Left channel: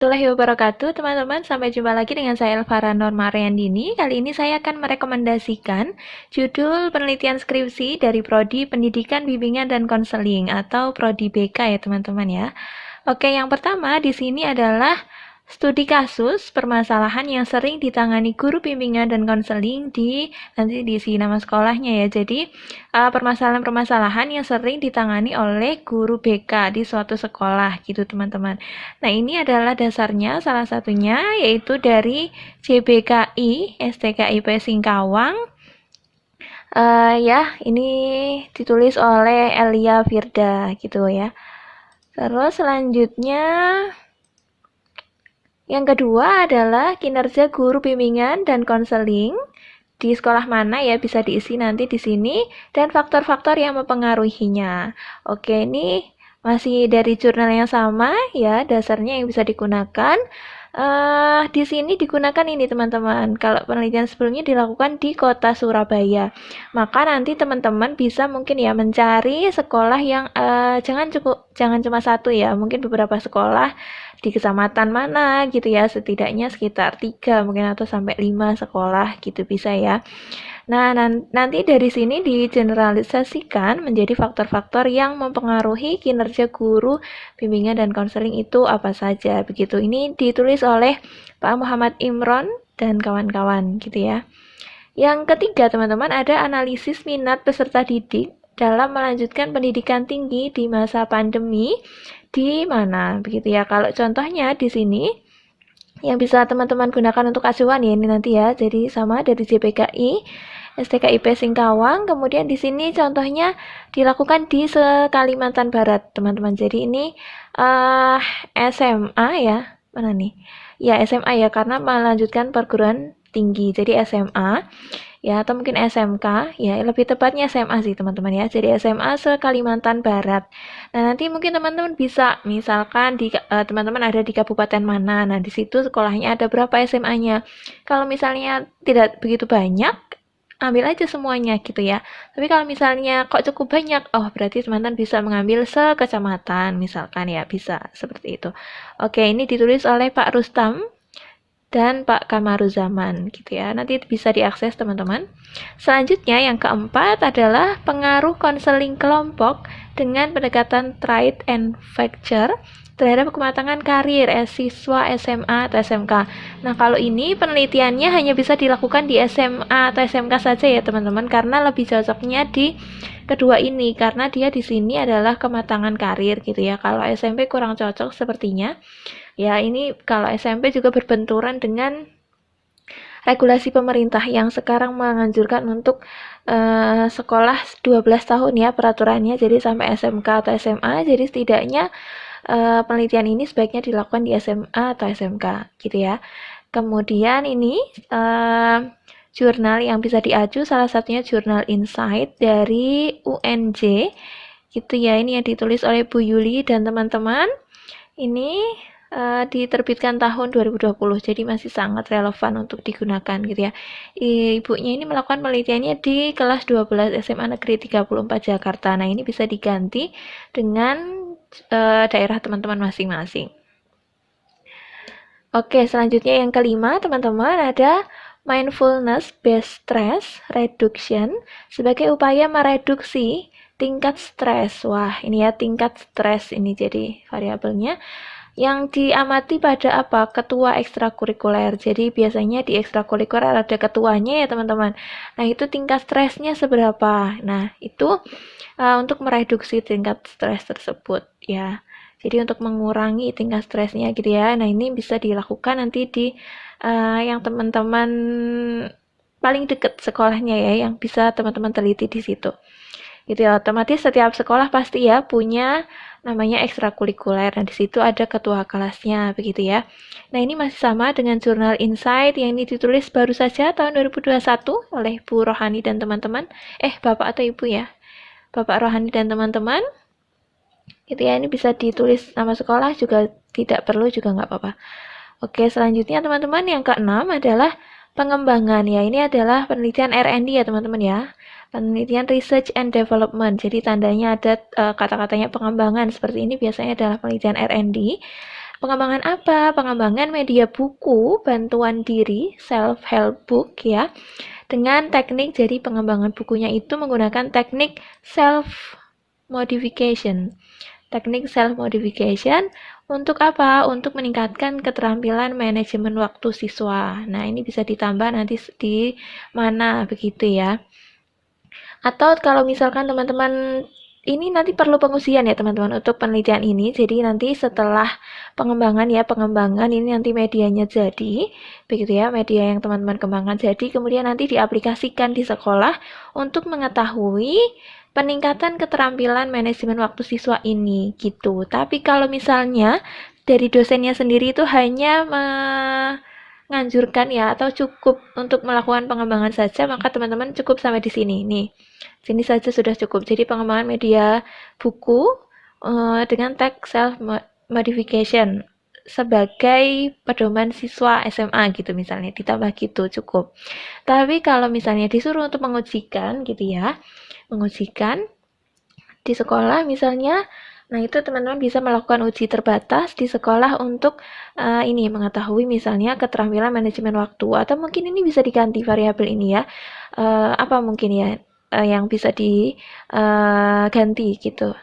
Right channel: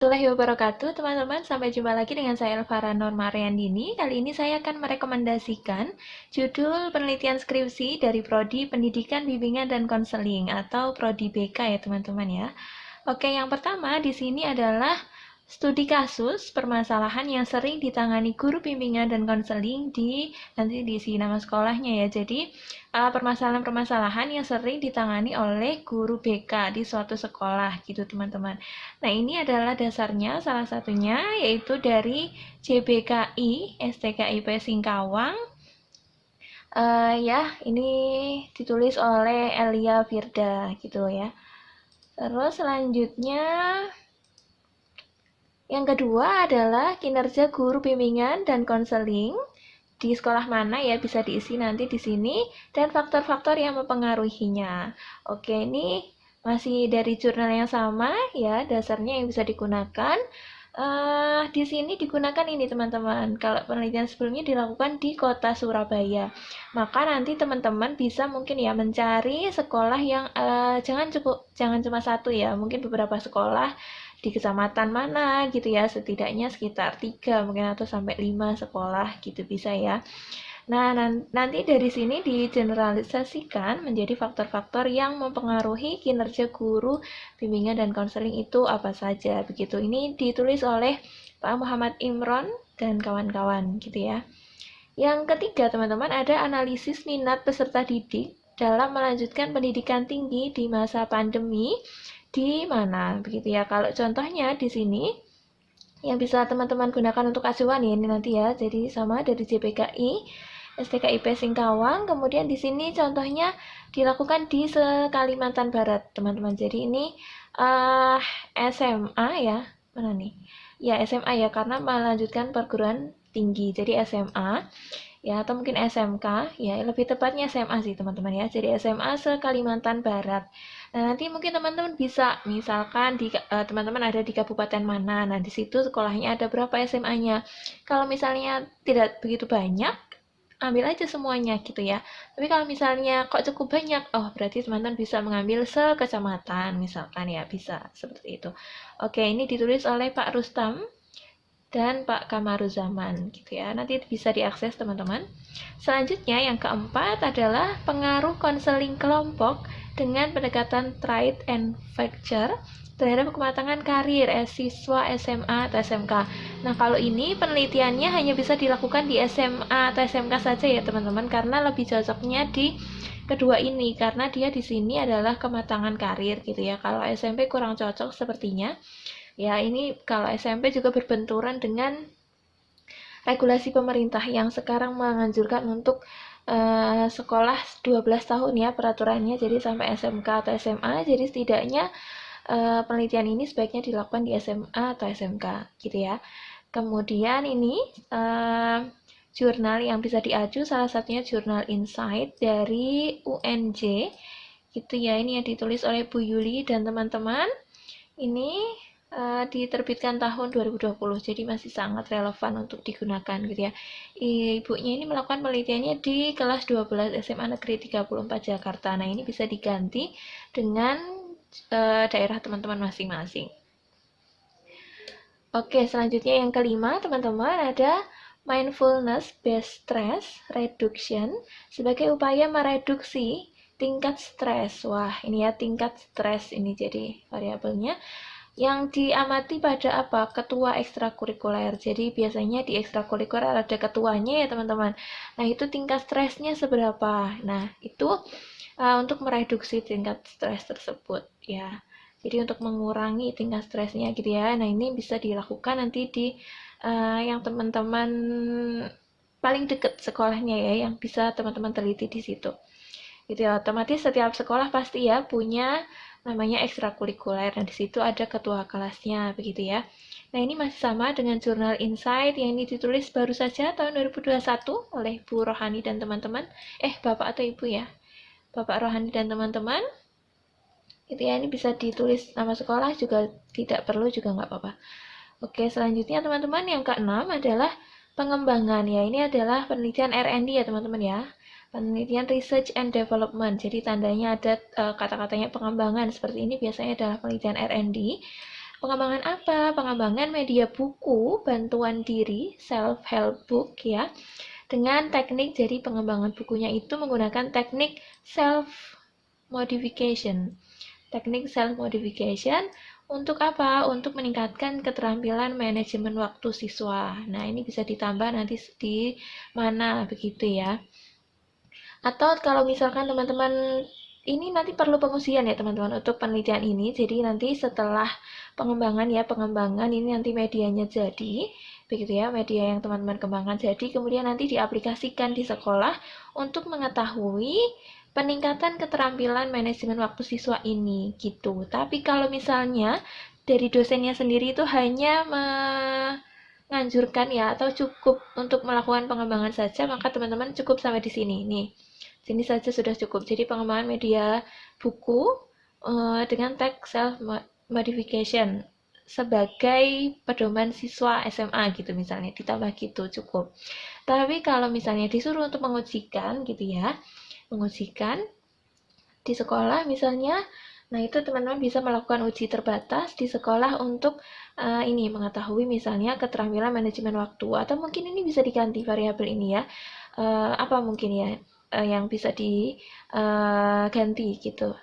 Warahmatullahi wabarakatuh, teman-teman. Sampai jumpa lagi dengan saya Elvara Norma Ariandini. Kali ini saya akan merekomendasikan judul penelitian skripsi dari Prodi Pendidikan Bimbingan dan Konseling atau Prodi BK ya, teman-teman ya. Oke, yang pertama di sini adalah studi kasus permasalahan yang sering ditangani guru bimbingan dan konseling nanti diisi nama sekolahnya ya. Jadi permasalahan-permasalahan yang sering ditangani oleh guru BK di suatu sekolah gitu teman-teman. Nah ini adalah dasarnya salah satunya yaitu dari JBKI STKIP Singkawang. Ya ini ditulis oleh Elia Firda gitu ya. Terus selanjutnya yang kedua adalah kinerja guru bimbingan dan konseling di sekolah mana ya bisa diisi nanti di sini dan faktor-faktor yang mempengaruhinya. Oke, ini masih dari jurnal yang sama ya, dasarnya yang bisa digunakan. Di sini digunakan ini teman-teman. Kalau penelitian sebelumnya dilakukan di kota Surabaya, maka nanti teman-teman bisa mungkin ya mencari sekolah yang jangan cuma satu ya, mungkin beberapa sekolah di kecamatan mana gitu ya, setidaknya sekitar 3 mungkin atau sampai 5 sekolah gitu bisa ya. Nah, nanti dari sini digeneralisasikan menjadi faktor-faktor yang mempengaruhi kinerja guru bimbingan dan konseling itu apa saja. Begitu. Ini ditulis oleh Pak Muhammad Imron dan kawan-kawan gitu ya. Yang ketiga, teman-teman, ada analisis minat peserta didik dalam melanjutkan pendidikan tinggi di masa pandemi di mana begitu ya. Kalau contohnya di sini yang bisa teman-teman gunakan untuk acuan ya ini nanti ya. Jadi sama dari JPKI STKIP Singkawang. Kemudian di sini contohnya dilakukan di Kalimantan Barat, teman-teman. Jadi ini SMA ya. Mana nih? Ya, SMA ya karena melanjutkan perguruan tinggi. Jadi SMA ya atau mungkin SMK ya lebih tepatnya SMA sih teman-teman ya. Jadi SMA Kalimantan Barat. Nah, nanti mungkin teman-teman bisa misalkan teman-teman ada di kabupaten mana. Nah, di situ sekolahnya ada berapa SMA-nya. Kalau misalnya tidak begitu banyak, ambil aja semuanya gitu ya. Tapi kalau misalnya kok cukup banyak, oh berarti teman-teman bisa mengambil sekecamatan misalkan ya, bisa seperti itu. Oke, ini ditulis oleh Pak Rustam dan Pak Kamaruzaman gitu ya. Nanti bisa diakses teman-teman. Selanjutnya yang keempat adalah pengaruh konseling kelompok dengan pendekatan trade and factor terhadap kematangan karir siswa SMA atau SMK. Nah, kalau ini penelitiannya hanya bisa dilakukan di SMA atau SMK saja ya, teman-teman, karena lebih cocoknya di kedua ini karena dia di sini adalah kematangan karir gitu ya. Kalau SMP kurang cocok sepertinya. Ya, ini kalau SMP juga berbenturan dengan regulasi pemerintah yang sekarang menganjurkan untuk sekolah 12 tahun ya peraturannya, jadi sampai SMK atau SMA. Jadi setidaknya penelitian ini sebaiknya dilakukan di SMA atau SMK gitu ya. Kemudian ini jurnal yang bisa diaju salah satunya jurnal Insight dari UNJ gitu ya. Ini yang ditulis oleh Bu Yuli dan teman-teman. Ini diterbitkan tahun 2020, jadi masih sangat relevan untuk digunakan gitu ya. Ibunya ini melakukan penelitiannya di kelas 12 SMA Negeri 34 Jakarta. Nah, ini bisa diganti dengan daerah teman-teman masing-masing. Oke, selanjutnya yang kelima, teman-teman, ada mindfulness based stress reduction sebagai upaya mereduksi tingkat stres. Wah, ini ya tingkat stres ini jadi variabelnya yang diamati pada apa? Ketua ekstrakurikuler. Jadi biasanya di ekstrakurikuler ada ketuanya ya teman-teman. Nah itu tingkat stresnya seberapa? Nah itu untuk mereduksi tingkat stres tersebut ya. Jadi untuk mengurangi tingkat stresnya gitu ya. Nah ini bisa dilakukan nanti di yang teman-teman paling dekat sekolahnya ya, yang bisa teman-teman teliti di situ. Gitu ya, otomatis setiap sekolah pasti ya punya namanya ekstrakurikuler. Nah, di situ ada ketua kelasnya, begitu ya. Nah, ini masih sama dengan jurnal Insight yang ini ditulis baru saja tahun 2021 oleh Bu Rohani dan teman-teman. Bapak atau Ibu ya? Bapak Rohani dan teman-teman. Gitu ya, ini bisa ditulis nama sekolah juga tidak perlu juga nggak apa-apa. Oke, selanjutnya teman-teman yang keenam adalah pengembangan. Ya, ini adalah penelitian R&D ya teman-teman ya. Penelitian Research and Development. Jadi tandanya ada kata-katanya pengembangan seperti ini biasanya adalah penelitian R&D. Pengembangan apa? Pengembangan media buku, bantuan diri, self-help book ya. Dengan teknik, jadi pengembangan bukunya itu menggunakan teknik self-modification. Teknik self-modification untuk apa? Untuk meningkatkan keterampilan manajemen waktu siswa. Nah, ini bisa ditambah nanti di mana begitu ya. Atau kalau misalkan teman-teman ini nanti perlu pengujian ya teman-teman untuk penelitian ini. Jadi nanti setelah pengembangan ini nanti medianya jadi, begitu ya, media yang teman-teman kembangkan jadi, kemudian nanti diaplikasikan di sekolah untuk mengetahui peningkatan keterampilan manajemen waktu siswa ini gitu. Tapi kalau misalnya dari dosennya sendiri itu hanya menganjurkan ya atau cukup untuk melakukan pengembangan saja, maka teman-teman cukup sampai di sini nih. Sini saja sudah cukup. Jadi pengembangan media buku dengan teks self modification sebagai pedoman siswa SMA gitu misalnya, ditambah gitu cukup. Tapi kalau misalnya disuruh untuk mengujikan gitu ya, mengujikan di sekolah misalnya, nah itu teman-teman bisa melakukan uji terbatas di sekolah untuk ini mengetahui misalnya keterampilan manajemen waktu, atau mungkin ini bisa diganti variabel ini ya, apa mungkin ya yang bisa diganti gitu.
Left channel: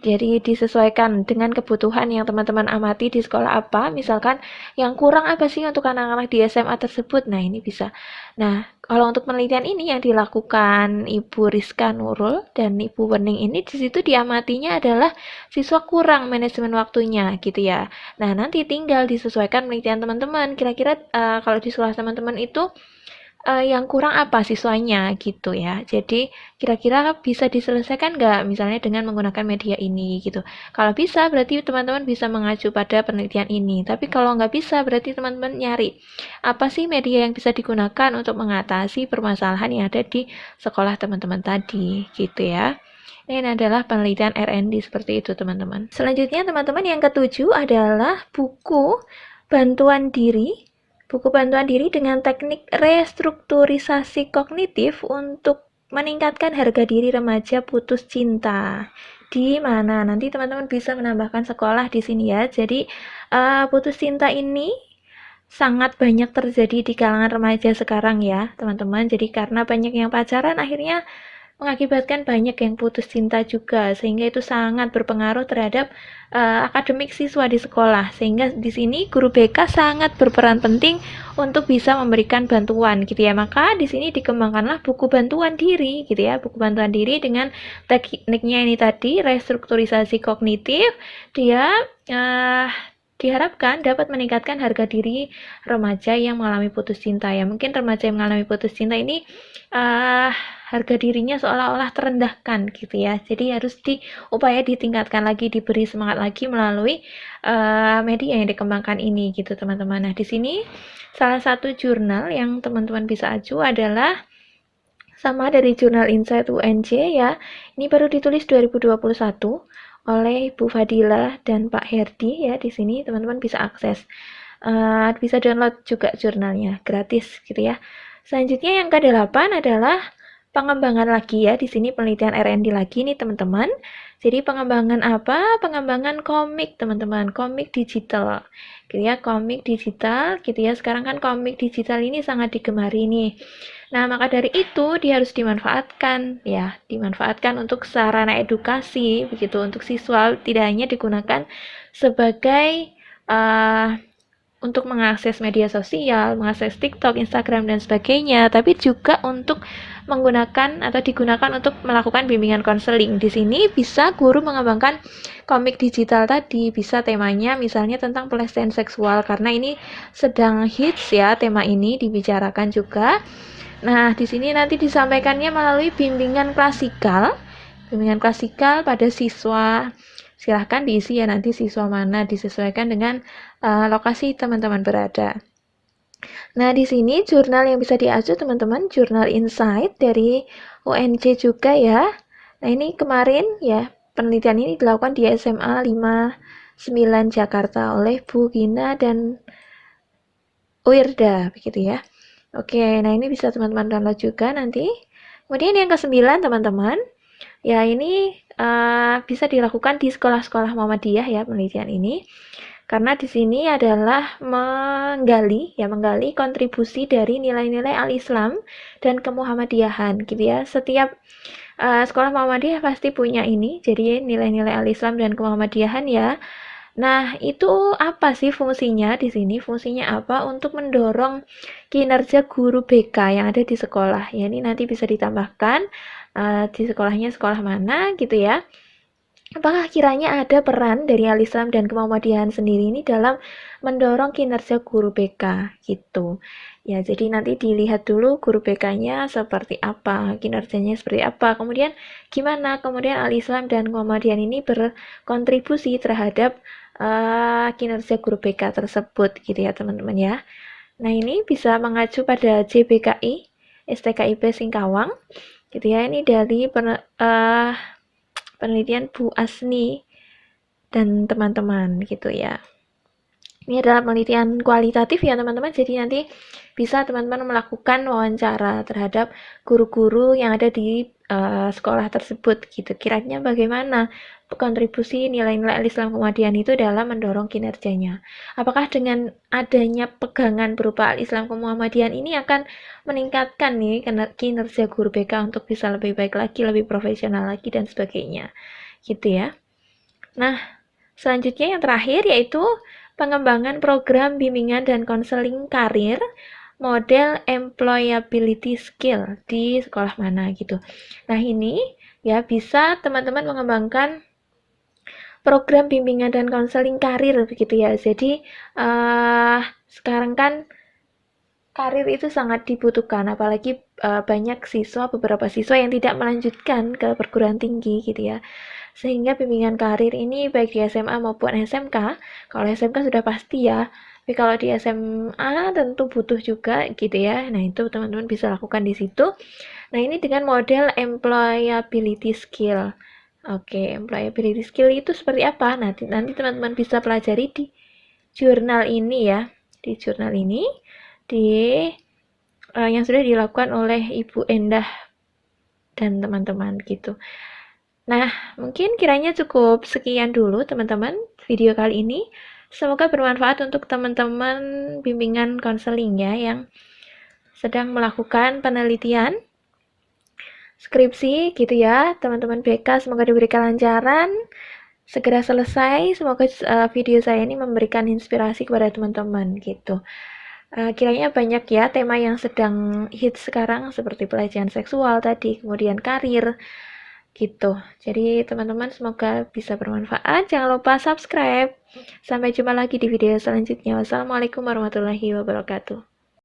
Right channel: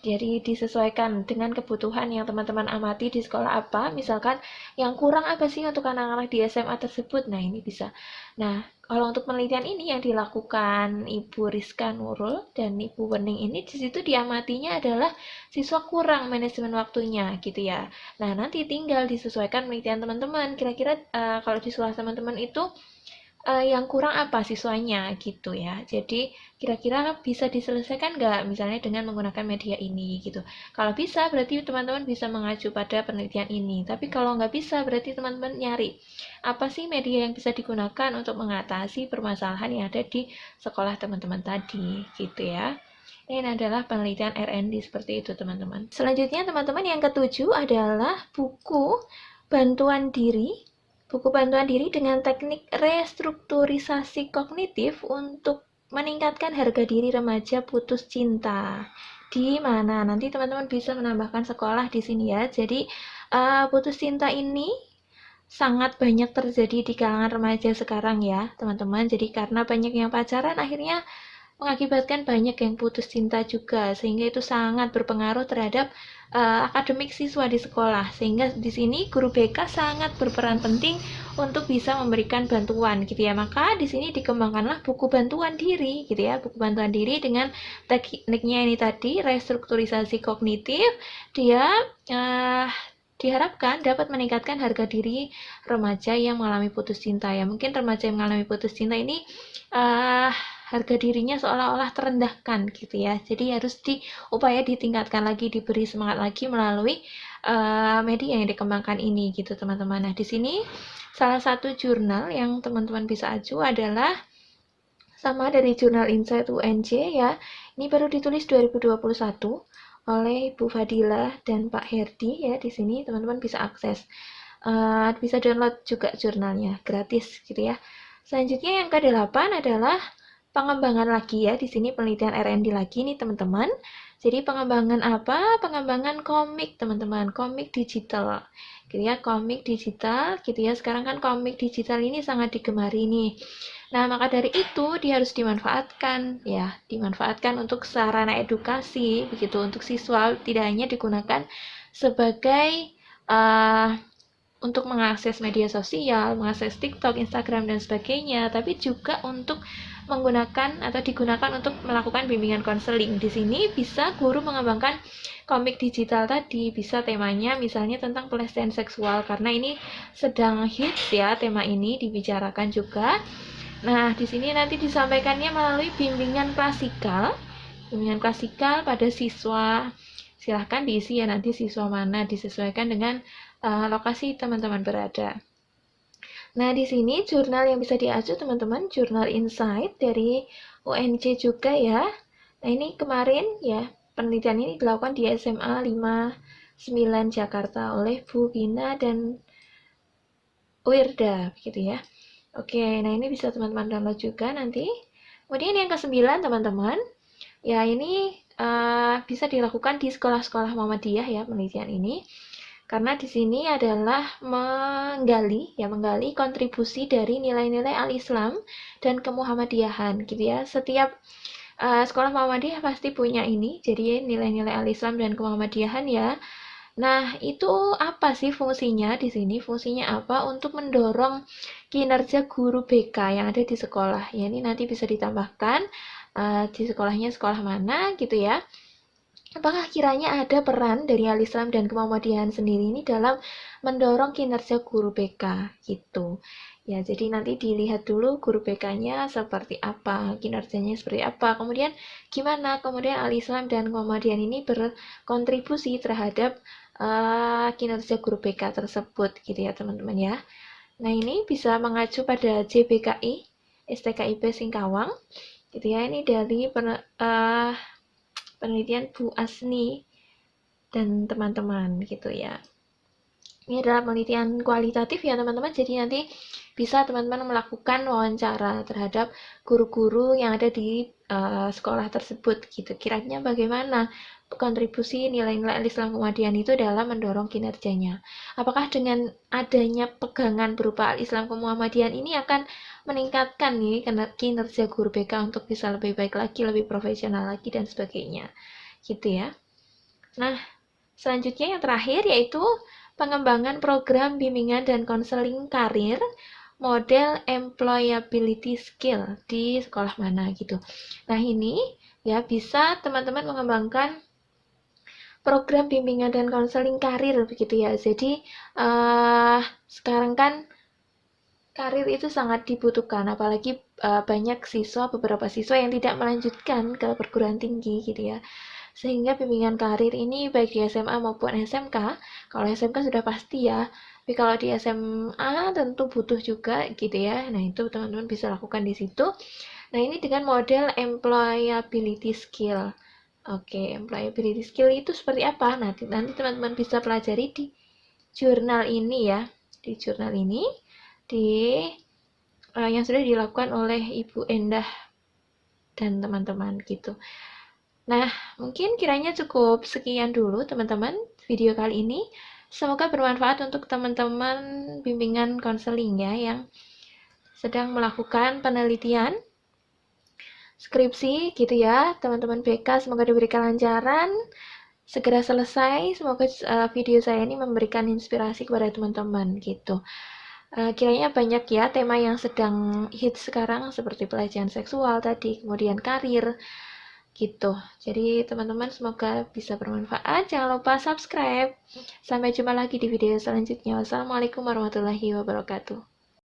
Jadi disesuaikan dengan kebutuhan yang teman-teman amati di sekolah apa, misalkan yang kurang apa sih untuk anak-anak di SMA tersebut. Nah, ini bisa. Nah, kalau untuk penelitian ini yang dilakukan Ibu Rizka Nurul dan Ibu Wening ini, di situ diamatinya adalah siswa kurang manajemen waktunya gitu ya. Nah, nanti tinggal disesuaikan penelitian teman-teman. Kira-kira kalau di sekolah teman-teman itu yang kurang apa siswanya gitu ya. Jadi kira-kira bisa diselesaikan nggak misalnya dengan menggunakan media ini gitu. Kalau bisa berarti teman-teman bisa mengacu pada penelitian ini. Tapi kalau nggak bisa berarti teman-teman nyari apa sih media yang bisa digunakan untuk mengatasi permasalahan yang ada di sekolah teman-teman tadi gitu ya. Ini adalah penelitian R&D seperti itu teman-teman. Selanjutnya teman-teman yang ketujuh adalah buku bantuan diri. Buku bantuan diri dengan teknik restrukturisasi kognitif untuk meningkatkan harga diri remaja putus cinta. Di mana nanti teman-teman bisa menambahkan sekolah di sini ya. Jadi putus cinta ini sangat banyak terjadi di kalangan remaja sekarang ya, teman-teman. Jadi karena banyak yang pacaran akhirnya mengakibatkan banyak yang putus cinta juga, sehingga itu sangat berpengaruh terhadap akademik siswa di sekolah. Sehingga di sini guru BK sangat berperan penting untuk bisa memberikan bantuan gitu ya. Maka di sini dikembangkanlah buku bantuan diri gitu ya, buku bantuan diri dengan tekniknya ini tadi, restrukturisasi kognitif. Dia diharapkan dapat meningkatkan harga diri remaja yang mengalami putus cinta ya. Mungkin remaja yang mengalami putus cinta ini harga dirinya seolah-olah terendahkan gitu ya. Jadi harus diupaya ditingkatkan lagi, diberi semangat lagi melalui media yang dikembangkan ini gitu teman-teman. Nah di sini salah satu jurnal yang teman-teman bisa acu adalah sama dari jurnal Insight UNJ ya. Ini baru ditulis 2021 oleh Bu Fadila dan Pak Herdi ya. Di sini teman-teman bisa akses. Bisa download juga jurnalnya gratis gitu ya. Selanjutnya yang ke-8 adalah pengembangan lagi ya. Di sini penelitian R&D lagi nih teman-teman. Jadi pengembangan apa? Pengembangan komik teman-teman, komik digital. Gitu ya, komik digital gitu ya. Sekarang kan komik digital ini sangat digemari nih. Nah, maka dari itu dia harus dimanfaatkan ya, dimanfaatkan untuk sarana edukasi begitu untuk siswa, tidak hanya digunakan sebagai untuk mengakses media sosial, mengakses TikTok, Instagram, dan sebagainya, tapi juga untuk menggunakan atau digunakan untuk melakukan bimbingan konseling. Di sini bisa guru mengembangkan komik digital tadi, bisa temanya misalnya tentang pelecehan seksual, karena ini sedang hits ya, tema ini dibicarakan juga. Nah, di sini nanti disampaikannya melalui bimbingan klasikal pada siswa. Silahkan diisi ya nanti siswa mana, disesuaikan dengan lokasi teman-teman berada. Nah, di sini jurnal yang bisa diacu teman-teman, jurnal Insight dari UNJ juga ya. Nah, ini kemarin ya, penelitian ini dilakukan di SMA 59 Jakarta oleh Bu Gina dan Wirda, begitu ya. Oke, nah ini bisa teman-teman download juga nanti. Kemudian yang ke-9 teman-teman, ya ini bisa dilakukan di sekolah-sekolah Muhammadiyah ya penelitian ini. Karena di sini adalah menggali kontribusi dari nilai-nilai al-Islam dan kemuhammadiyahan gitu ya. Setiap sekolah Muhammadiyah pasti punya ini, jadi nilai-nilai al-Islam dan kemuhammadiyahan ya. Nah, itu apa sih fungsinya di sini? Fungsinya apa? Untuk mendorong kinerja guru BK yang ada di sekolah. Ya, ini nanti bisa ditambahkan di sekolahnya sekolah mana gitu ya. Apakah kiranya ada peran dari Al-Islam dan Kemuhammadiyahan sendiri ini dalam mendorong kinerja guru BK gitu. Ya, jadi nanti dilihat dulu guru BK-nya seperti apa, kinerjanya seperti apa. Kemudian gimana kemudian Al-Islam dan Muhammadian ini berkontribusi terhadap kinerja guru BK tersebut gitu ya, teman-teman ya. Nah, ini bisa mengacu pada JBKI, STKIP Singkawang gitu ya. Ini dari penelitian Bu Asni dan teman-teman gitu ya. Ini adalah penelitian kualitatif ya teman-teman, jadi nanti bisa teman-teman melakukan wawancara terhadap guru-guru yang ada di sekolah tersebut gitu. Kiranya bagaimana kontribusi nilai-nilai Islam Muhammadiyah itu dalam mendorong kinerjanya. Apakah dengan adanya pegangan berupa Islam Muhammadiyah ini akan meningkatkan nih kinerja guru BK untuk bisa lebih baik lagi, lebih profesional lagi dan sebagainya. Gitu ya. Nah, selanjutnya yang terakhir yaitu pengembangan program bimbingan dan konseling karir model employability skill di sekolah mana gitu. Nah, ini ya bisa teman-teman mengembangkan program bimbingan dan konseling karir begitu ya. Jadi sekarang kan karir itu sangat dibutuhkan, apalagi banyak beberapa siswa yang tidak melanjutkan ke perguruan tinggi gitu ya. Sehingga bimbingan karir ini baik di SMA maupun SMK, kalau SMK sudah pasti ya, tapi kalau di SMA tentu butuh juga gitu ya. Nah, itu teman-teman bisa lakukan di situ. Nah, ini dengan model employability skill. Oke, employability skill itu seperti apa? Nanti teman-teman bisa pelajari di jurnal ini ya. Di jurnal ini di yang sudah dilakukan oleh Ibu Endah dan teman-teman gitu. Nah, mungkin kiranya cukup sekian dulu teman-teman video kali ini. Semoga bermanfaat untuk teman-teman bimbingan konseling ya yang sedang melakukan penelitian skripsi gitu ya. Teman-teman BK semoga diberi kelancaran, segera selesai. Semoga video saya ini memberikan inspirasi kepada teman-teman gitu. Kiranya banyak ya tema yang sedang hits sekarang seperti pelecehan seksual tadi, kemudian karir gitu. Jadi teman-teman semoga bisa bermanfaat. Jangan lupa subscribe. Sampai jumpa lagi di video selanjutnya. Wassalamualaikum warahmatullahi wabarakatuh.